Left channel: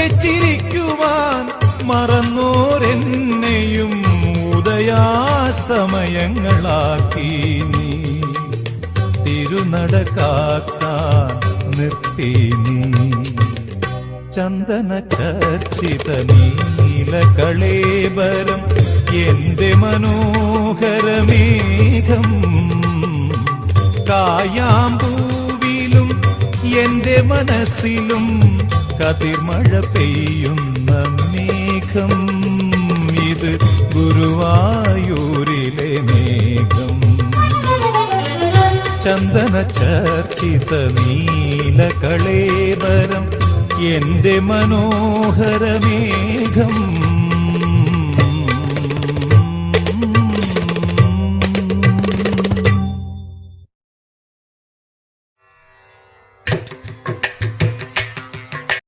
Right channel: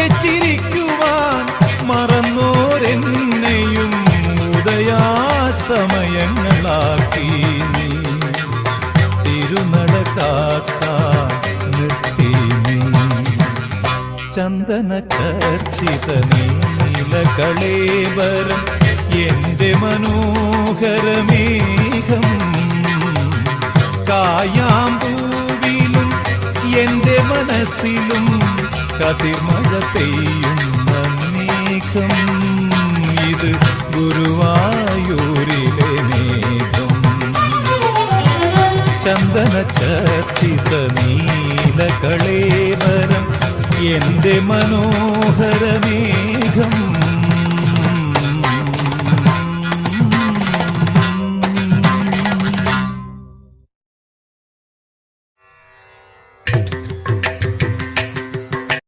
ഉറക്കെ ചിരിക്കുവാൻ മറന്നോരെന്നെയും ഉദയാസ്തമയങ്ങളാക്കി നീ തിരുനട കാക്കാൻ നിർത്തി നീ ചന്ദന ചർച്ചിത നീലകളേബരം എന്റെ മനോഹരമേഘം കായാമ്പൂവിലും എന്റെ മനസ്സിലും കതിർമഴ പെയ്യുന്ന മേഘം ഇത് ഗുരുവായൂരിലെ മേഘം ചന്ദന ചർച്ചിത നീലകളേബരം എന്റെ മനോഹരമേഘം